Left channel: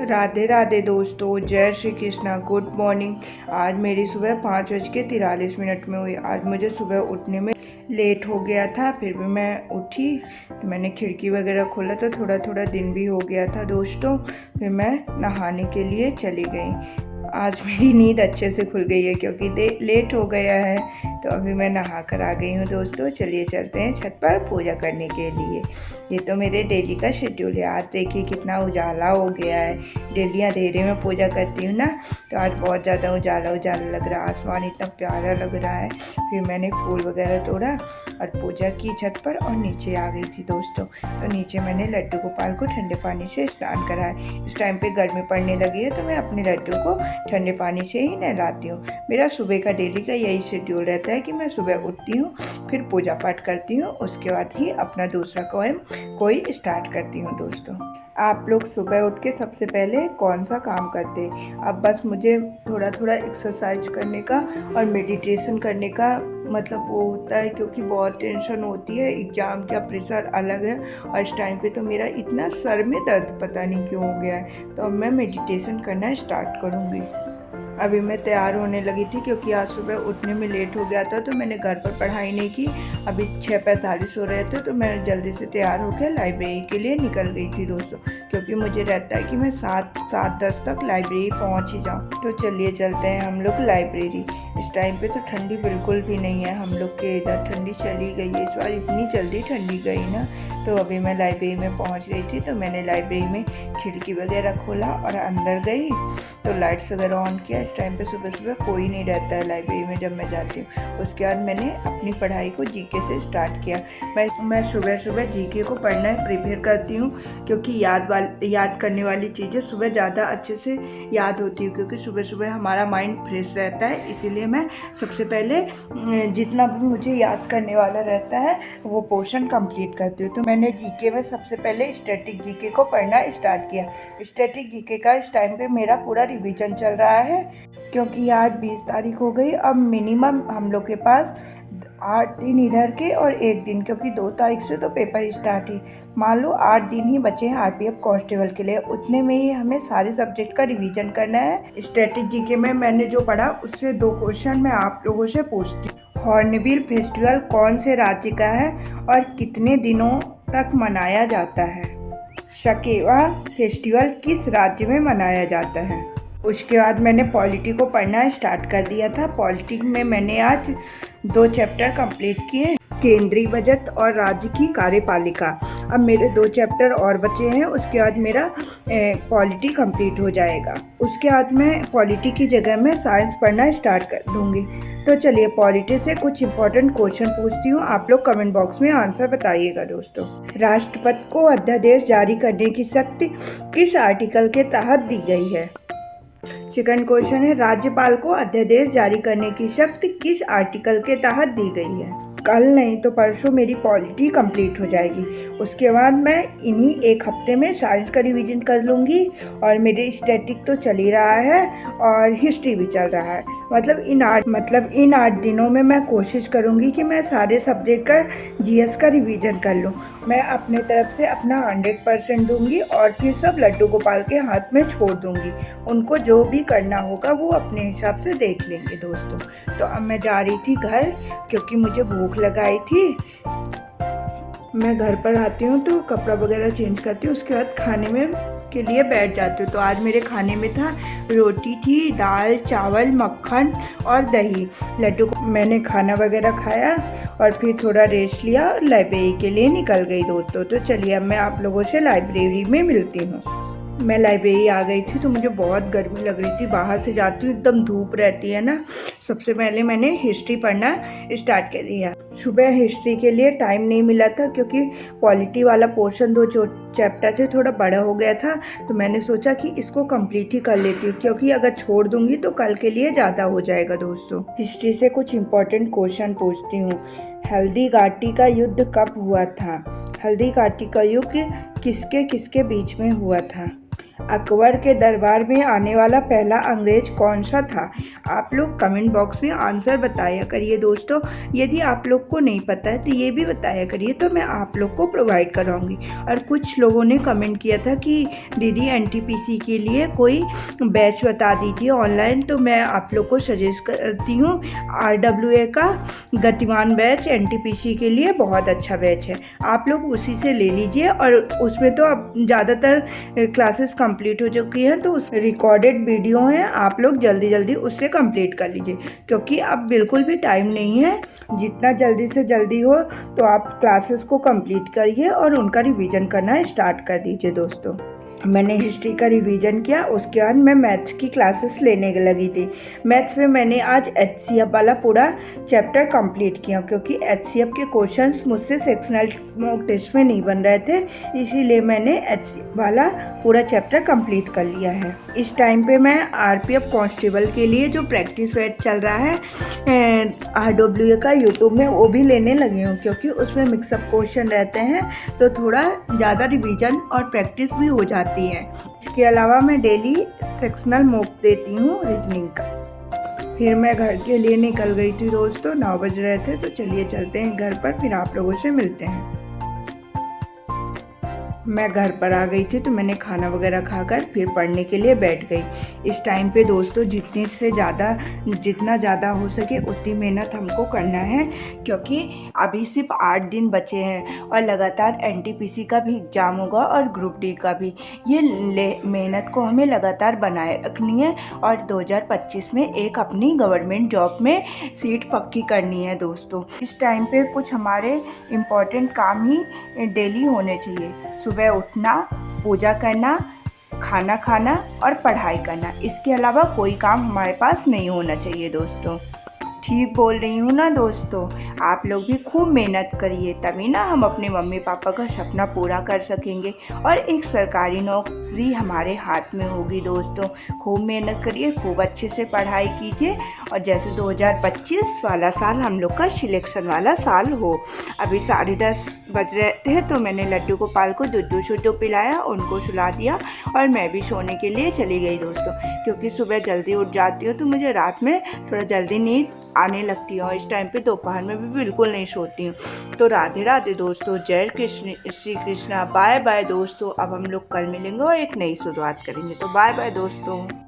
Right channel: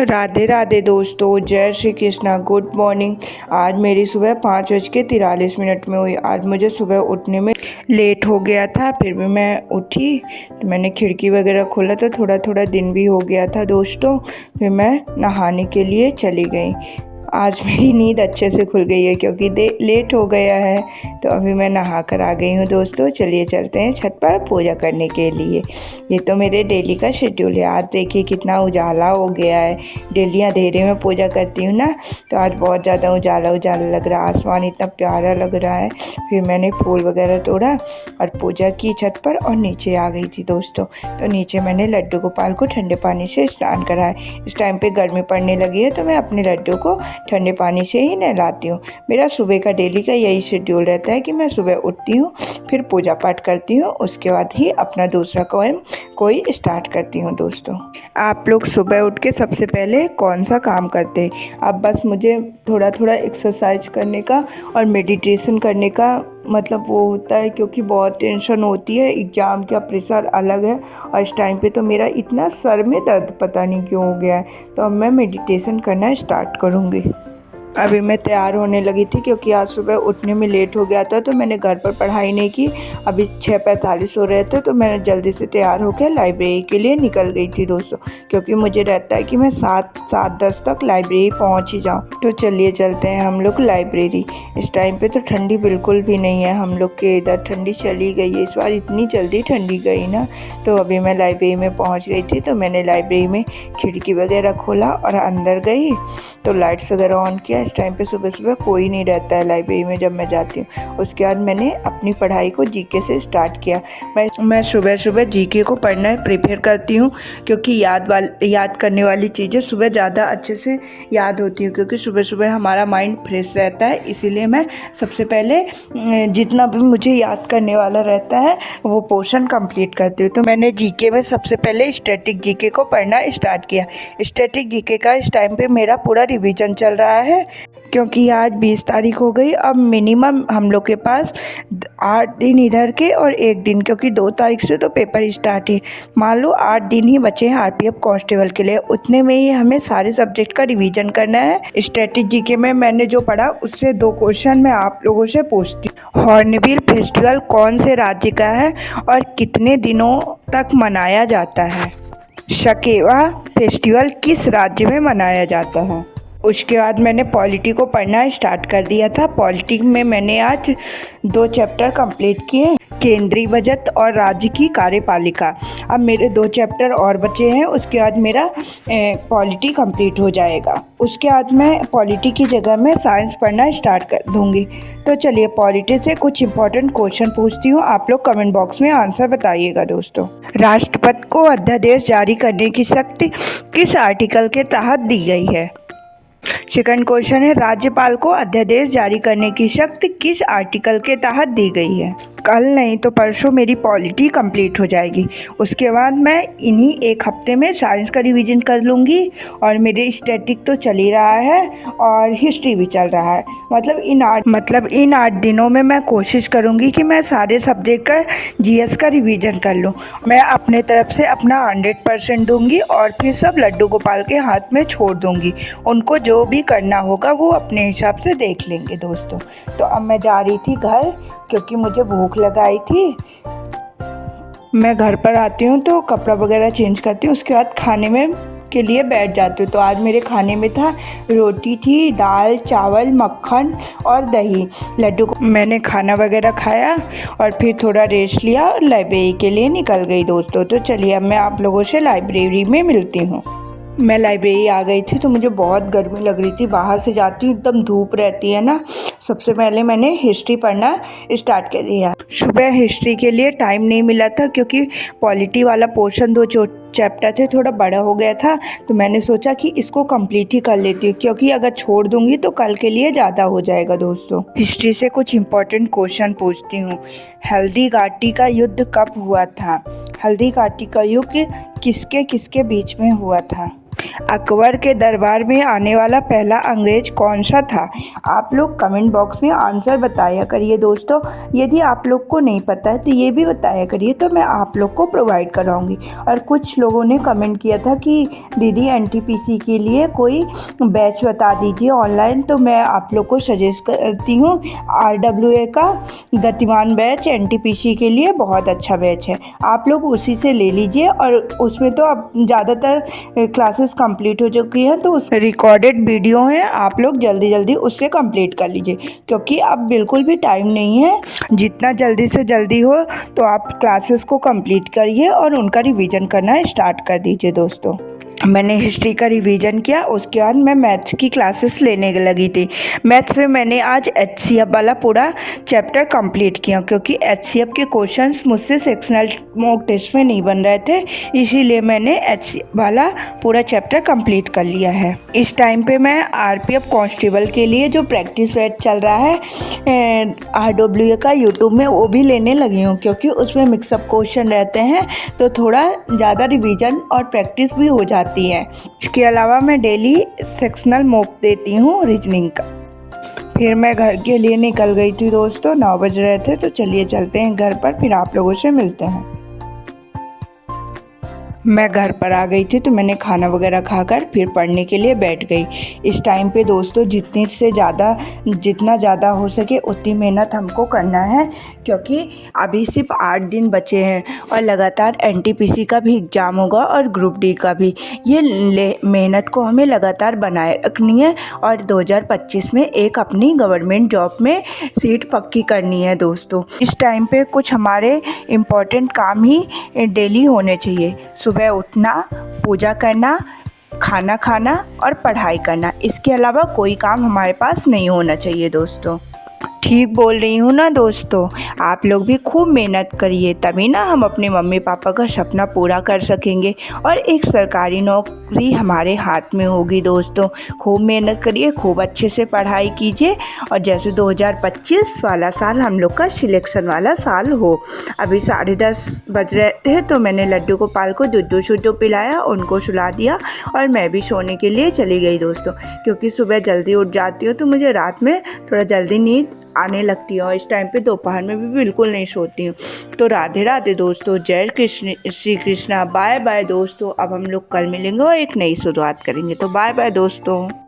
राधे राधे दोस्तों, जय Shri Krishna. Good morning. आज मेरी सुबह 5:43 में हुई। आज मुझे सुबह उठने में लेट हो गया था, फिर भी मैं उठी तो मैंने खिड़की वगैरह खोला तो थोड़ा थोड़ा दिन भी हो गया था दोस्तों। फिर मैं नहाने के लिए चली गई। आज मेरी नींद अच्छे से खुल गई है क्योंकि लेट हो गया है, तो अभी मैं नहा कर आ गई हूँ दोस्तों। चलिए चलते हैं छत पर पूजा करने के लिए। ये तो मेरे डेली का शेड्यूल है। आज देखिए कितना उजाला हो गया है। डेली अंधेरे में पूजा करती हूँ ना, तो आज बहुत ज़्यादा उजाला उजाला लग रहा है। आसमान इतना प्यारा लग रहा है। फिर मैंने फूल वगैरह तोड़ा और पूजा की छत पर और नीचे आ गई थी दोस्तों। तो नीचे मैंने लड्डू गोपाल को ठंडे पानी से स्नान कराया। इस टाइम पे गर्मी पड़ने लगी है तो मैं अपने लड्डू को ठंडे पानी से ही नहलाती हूँ। मेरा सुबह का डेली का यही शेड्यूल रहता है कि मैं सुबह उठती हूँ, फिर पूजा पाठ करती हूँ, उसके बाद ही अपना दूसरा कोई स्टार्ट करती हूँ दोस्तों। आप लोग सुबह उठ के सबसे पहले कौन सा काम करते हैं? अब बस मुझे थोड़ा थोड़ा एक्सरसाइज करने का और मेडिटेशन करने का मतलब वो होता है, क्योंकि बहुत टेंशन होती है। एग्ज़ाम का प्रेशर अलग है और इस टाइम पे तो मेरा इतना सर में दर्द पता नहीं क्यों हो गया है। तो अब मैं मेडिटेशन करना स्टार्ट करूँगी। अभी मैं तैयार होने लगी थी क्योंकि आज सुबह उठने में लेट हो गया था, तो मैंने घर पर पढ़ाई नहीं की। अभी 6:45 हो रहे थे तो मैंने जल्दी से तैयार होकर लाइब्रेरी के लिए निकल गई थी दोस्तों, क्योंकि मुझे रहता है कि मैं 7:10 तक लाइब्रेरी पहुंच ही जाऊं। तो चलिए चलते हैं हम लोग लाइब्रेरी। इस टाइम पे तो ठंडी बिल्कुल भी नहीं है, हम लोग के इधर ठंडी चली गई है। इस बार इतनी जल्दी ठंडी गई ना। तो अभी मैं लाइब्रेरी में पहुँच गई थी, तो मैंने लाइब्रेरी में खिड़की वगैरह खोला और अंदर गई तो लाइट्स वगैरह ऑन किया। इस टाइम पे सुबह सुबह कोई नहीं रहता है लाइब्रेरी में जब मैं जाती हूँ। उसके बाद मैंने अपनी पढ़ाई को जीके से स्टार्ट किया। मैं सुबह सुबह जीके को पढ़ना प्रिपेयर करती हूँ, क्योंकि याद करने वाली चीज़ें सुबह ज़्यादा अच्छे से याद होती है, क्योंकि सुबह सुबह हमारा माइंड फ्रेश रहता है। इसीलिए मैं सबसे पहले जितना भी मुझे याद करने वाला रहता है वो पोर्शन कंप्लीट करती हूँ। तो मैंने जीके में सबसे पहले स्टैटिक जीके को पढ़ना स्टार्ट किया। स्टैटिक जीके का इस टाइम पे मेरा पूरा रिवीजन चल रहा है, क्योंकि आज 20 तारीख हो गई। अब मिनिमम हम लोग के पास 8 दिन इधर के और 1 दिन, क्योंकि 2 तारीख से तो पेपर स्टार्ट है। मान लो 8 दिन ही बचे हैं आरपीएफ कांस्टेबल के लिए। उतने में ही हमें सारे सब्जेक्ट का रिवीजन करना है। स्टैटिक जीके में मैंने जो पढ़ा उससे 2 क्वेश्चन मैं आप लोगों से पूछती हूँ। हॉर्नबिल फेस्टिवल कौन से राज्य का है और कितने दिनों तक मनाया जाता है? शकेवा फेस्टिवल किस राज्य में मनाया जाता है? उसके बाद मैंने पॉलिटी को पढ़ना स्टार्ट कर दिया था। पॉलिटी में मैंने आज 2 चैप्टर कंप्लीट किए, केंद्रीय बजट और राज्य की कार्यपालिका। अब मेरे 2 चैप्टर और बचे हैं, उसके बाद मेरा पॉलिटी कंप्लीट हो जाएगा। उसके बाद मैं पॉलिटी की जगह में साइंस पढ़ना स्टार्ट कर दूंगी। तो चलिए पॉलिटी से कुछ इंपॉर्टेंट क्वेश्चन पूछती हूँ, आप लोग कमेंट बॉक्स में आंसर बताइएगा दोस्तों। राष्ट्रपति को अध्यादेश जारी करने की शक्ति किस आर्टिकल के तहत दी गई है? सेकंड क्वेश्चन है, राज्यपाल को अध्यादेश जारी करने की शक्ति किस आर्टिकल के तहत दी गई है? कल नहीं तो परसों मेरी पॉलिटी कंप्लीट हो जाएगी। उसके बाद मैं इन्हीं 1 हफ्ते में साइंस का रिवीजन कर लूँगी, और मेरे स्टैटिक तो चल ही रहा है और हिस्ट्री भी चल रहा है। मतलब इन 8 दिनों में मैं कोशिश करूँगी कि मैं सारे सब्जेक्ट का जीएस का रिवीजन कर लूँ। मैं अपने तरफ से अपना 100% दूँगी और फिर सब लड्डू गोपाल के हाथ में छोड़ दूँगी। उनको जो भी करना होगा वो अपने हिसाब से देख लेंगे दोस्तों। तो अब मैं जा रही थी घर, क्योंकि मुझे भूख लगाई थी। मैं घर पर आती हूँ तो कपड़ा वगैरह चेंज करती हूँ, उसके बाद खाने में के लिए बैठ जाती हूँ। तो आज मेरे खाने में था रोटी थी, दाल चावल मक्खन और दही। लड्डू को मैंने खाना वगैरह खाया और फिर थोड़ा रेस्ट लिया और लाइब्रेरी के लिए निकल गई दोस्तों। तो चलिए अब मैं आप लोगों से लाइब्रेरी में मिलती हूँ। मैं लाइब्रेरी आ गई थी तो मुझे बहुत गर्मी लग रही थी। बाहर से जाती हूँ एकदम धूप रहती है ना। सबसे पहले मैंने हिस्ट्री पढ़ना स्टार्ट कर दिया। सुबह हिस्ट्री के लिए टाइम नहीं मिला था, क्योंकि पॉलिटी वाला पोर्शन 2 चैप्टर से थोड़ा बड़ा हो गया था। तो मैंने सोचा कि इसको कंप्लीट ही कर लेती हूँ, क्योंकि अगर छोड़ दूंगी तो कल के लिए ज़्यादा हो जाएगा दोस्तों। हिस्ट्री से कुछ इंपॉर्टेंट क्वेश्चन पूछती हूँ। हल्दी घाटी का युद्ध कब हुआ था? हल्दी घाटी का युद्ध किसके किसके बीच में हुआ था? अकबर के दरबार में आने वाला पहला अंग्रेज कौन सा था? आप लोग कमेंट बॉक्स में आंसर बताया करिए दोस्तों। यदि आप लोग को नहीं पता है तो ये भी बताया करिए, तो मैं आप लोग को प्रोवाइड कराऊंगी। और कुछ लोगों ने कमेंट किया था कि दीदी एनटीपीसी के लिए कोई बैच बता दीजिए ऑनलाइन, तो मैं आप लोग को सजेस्ट करती हूँ RWA का गतिमान बैच एनटीपीसी के लिए बहुत अच्छा बैच है। आप लोग उसी से ले लीजिए। और उसमें तो अब ज़्यादातर क्लासेस कंप्लीट हो चुकी हैं, तो उस रिकॉर्डेड वीडियो है, आप लोग जल्दी जल्दी उससे कंप्लीट कर लीजिए, क्योंकि अब बिल्कुल भी टाइम नहीं है। जितना जल्दी से जल्दी हो तो आप क्लासेस को कंप्लीट करिए और उनका रिवीजन करना स्टार्ट कर दीजिए दोस्तों। मैंने हिस्ट्री का रिवीजन किया, उसके बाद मैं मैथ्स की क्लासेस लेने लगी थी। मैथ्स में मैंने आज HCF वाला पूरा चैप्टर कंप्लीट किया, क्योंकि HCF के क्वेश्चंस मुझसे सेक्शनल मॉक टेस्ट में नहीं बन रहे थे, इसीलिए मैंने HCF वाला पूरा चैप्टर कंप्लीट कर लिया है। इस टाइम पे मैं RPF कांस्टेबल के लिए जो प्रैक्टिस बैच चल रहा है RWA का यूट्यूब में, वो भी लेने लगी हूँ, क्योंकि उसमें मिक्सअप क्वेश्चन रहते हैं तो थोड़ा ज़्यादा रिवीजन और प्रैक्टिस भी हो जाती है। इसके अलावा मैं डेली सेक्शनल मॉक देती हूँ रीजनिंग का। फिर मैं घर के लिए निकल गई थी दोस्तों, 9 बज रहे थे, तो चलिए चलते हैं घर पर, फिर आप लोगों से मिलते हैं। मैं घर पर आ गई थी, तो मैंने खाना वगैरह खाकर फिर पढ़ने के लिए बैठ गई। इस टाइम पे दोस्तों जितना ज़्यादा हो सके उतनी मेहनत हमको करना है, क्योंकि अभी सिर्फ 8 दिन बचे हैं और लगातार NTPC का भी एग्ज़ाम होगा और ग्रुप D का भी। ये मेहनत को हमें लगातार बनाए रखनी है और 2025 में एक अपनी गवर्नमेंट जॉब में सीट पक्की करनी है दोस्तों। इस टाइम पे कुछ हमारे इम्पोर्टेंट काम ही डेली होने चाहिए। सुबह उठना, पूजा करना, खाना खाना और पढ़ाई करना, इसके अलावा कोई काम हमारे पास नहीं होना चाहिए दोस्तों। ठीक बोल रही हूँ ना दोस्तों? आप लोग भी खूब मेहनत करिए, तभी ना हम अपने मम्मी पापा का सपना पूरा कर सकेंगे और एक सरकारी नौकरी हमारे हाथ में होगी दोस्तों। खूब मेहनत करिए, खूब अच्छे से पढ़ाई कीजिए, और जैसे 2025 वाला साल हम लोग का सिलेक्शन वाला साल हो। अभी 10:30 बज रहे थे, तो मैंने लड्डू गोपाल को दूध शुद्धू पिलाया, उनको सुला दिया और मैं भी सोने के लिए चली गई दोस्तों, क्योंकि सुबह जल्दी उठ जाती हूँ तो मुझे रात में थोड़ा जल्दी नींद आने लगती है और इस टाइम पे दोपहर में भी बिल्कुल नहीं सोती हूँ। तो राधे राधे दोस्तों, जय कृष्ण श्री कृष्णा, बाय बाय दोस्तों। अब हम लोग कल मिलेंगे और एक नई शुरुआत करेंगे, तो बाय बाय दोस्तों।